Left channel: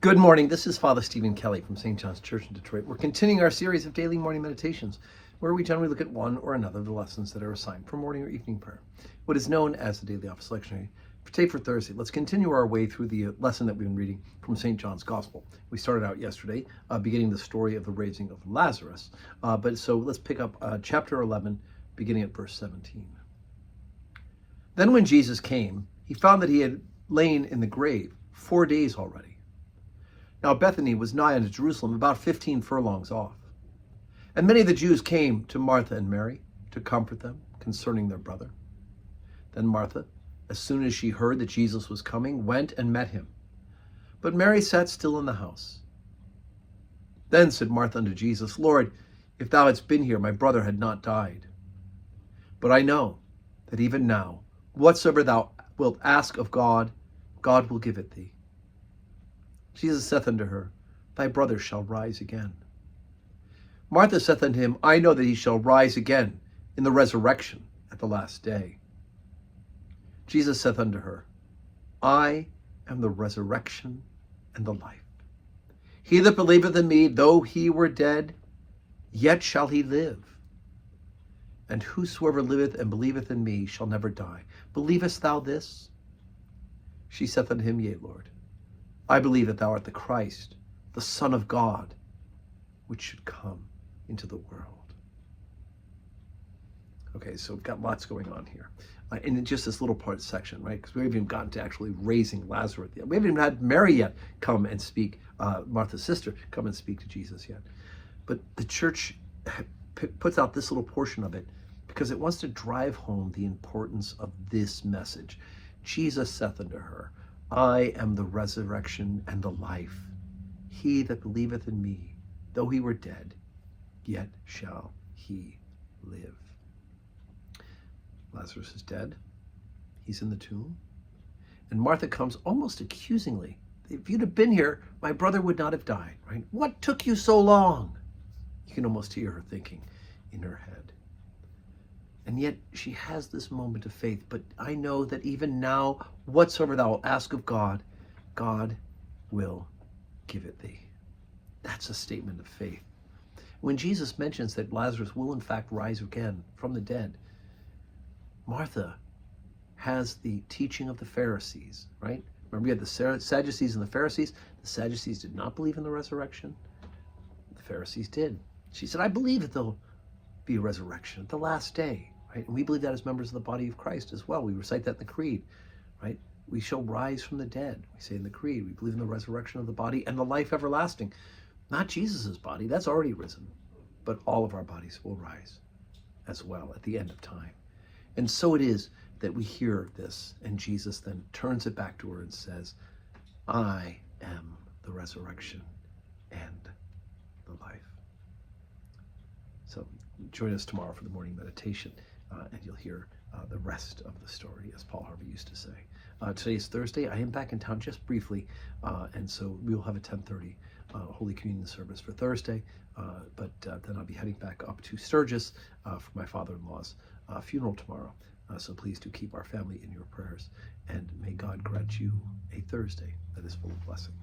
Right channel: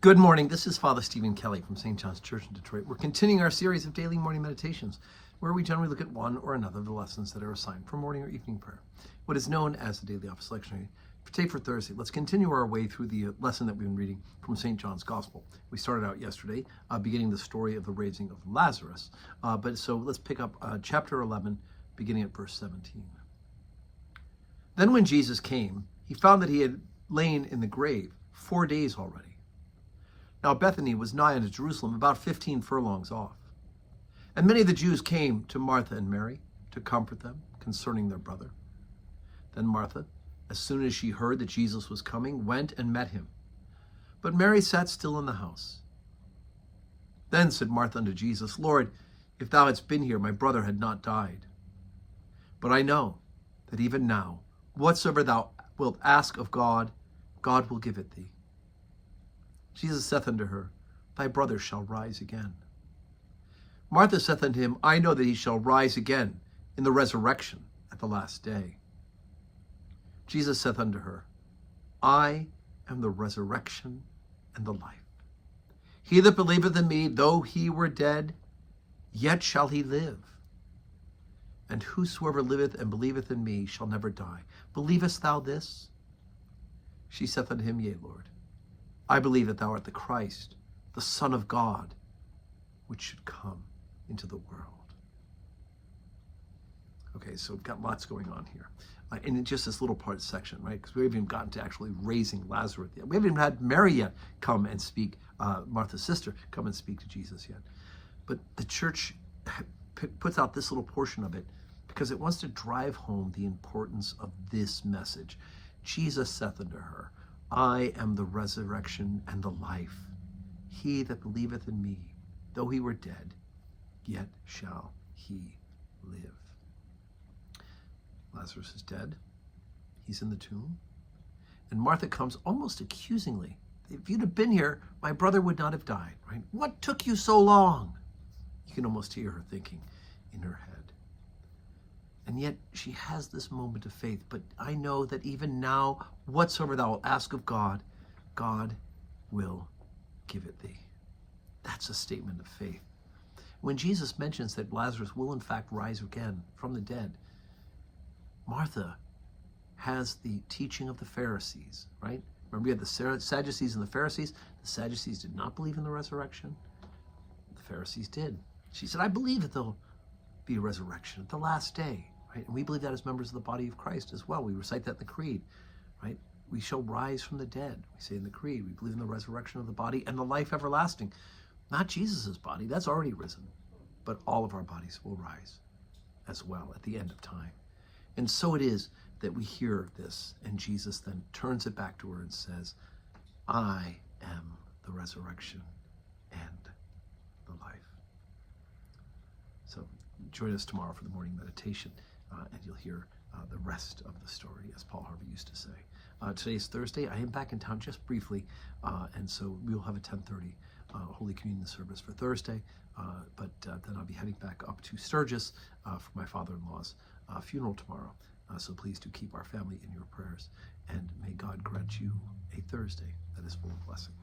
Good morning. This is Father Stephen Kelly from St. John's Church in Detroit. We're continuing our series of daily morning meditations, where we generally look at one or another of the lessons that are assigned for morning or evening prayer, what is known as the Daily Office Lectionary. Today for Thursday, let's continue our way through the lesson that we've been reading from St. John's Gospel. We started out yesterday beginning the story of the raising of Lazarus, so let's pick up chapter 11, beginning at verse 17. Then when Jesus came, he found that he had lain in the grave 4 days already. Now Bethany was nigh unto Jerusalem, about 15 furlongs off. And many of the Jews came to Martha and Mary to comfort them concerning their brother. Then Martha, as soon as she heard that Jesus was coming, went and met him. But Mary sat still in the house. Then said Martha unto Jesus, Lord, if thou hadst been here, my brother had not died. But I know that even now, whatsoever thou wilt ask of God, God will give it thee. Jesus saith unto her, Thy brother shall rise again. Martha saith unto him, I know that he shall rise again in the resurrection at the last day. Jesus saith unto her, I am the resurrection and the life. He that believeth in me, though he were dead, yet shall he live. And whosoever liveth and believeth in me shall never die. Believest thou this? She saith unto him, Yea, Lord. I believe that thou art the Christ, the Son of God, which should come into the world. Okay, so we've got lots going on here. In just this little part section, right? Because we haven't even gotten to actually raising Lazarus yet. We haven't even had Mary yet come and speak, Martha's sister, come and speak to Jesus yet. But the church puts out this little portion of it because it wants to drive home the importance of this message. Jesus saith unto her, I am the resurrection and the life. He that believeth in me, though he were dead, yet shall he live. Lazarus is dead. He's in the tomb. And Martha comes almost accusingly. If you'd have been here, my brother would not have died, right? What took you so long? You can almost hear her thinking in her head. And yet she has this moment of faith. But I know that even now, whatsoever thou wilt ask of God, God will give it thee. That's a statement of faith. When Jesus mentions that Lazarus will in fact rise again from the dead, Martha has the teaching of the Pharisees, right? Remember, we had the Sadducees and the Pharisees. The Sadducees did not believe in the resurrection. The Pharisees did. She said, I believe that there'll be a resurrection at the last day. Right? And we believe that as members of the body of Christ as well. We recite that in the Creed, right? We shall rise from the dead. We say in the Creed, we believe in the resurrection of the body and the life everlasting. Not Jesus's body, that's already risen, but all of our bodies will rise as well at the end of time. And so it is that we hear this, and Jesus then turns it back to her and says, I am the resurrection and the life. So join us tomorrow for the morning meditation. And you'll hear the rest of the story, as Paul Harvey used to say. Today is Thursday. I am back in town just briefly, and so we will have a 10:30 Holy Communion service for Thursday, but then I'll be heading back up to Sturgis for my father-in-law's funeral tomorrow. So please do keep our family in your prayers, and may God grant you a Thursday that is full of blessing.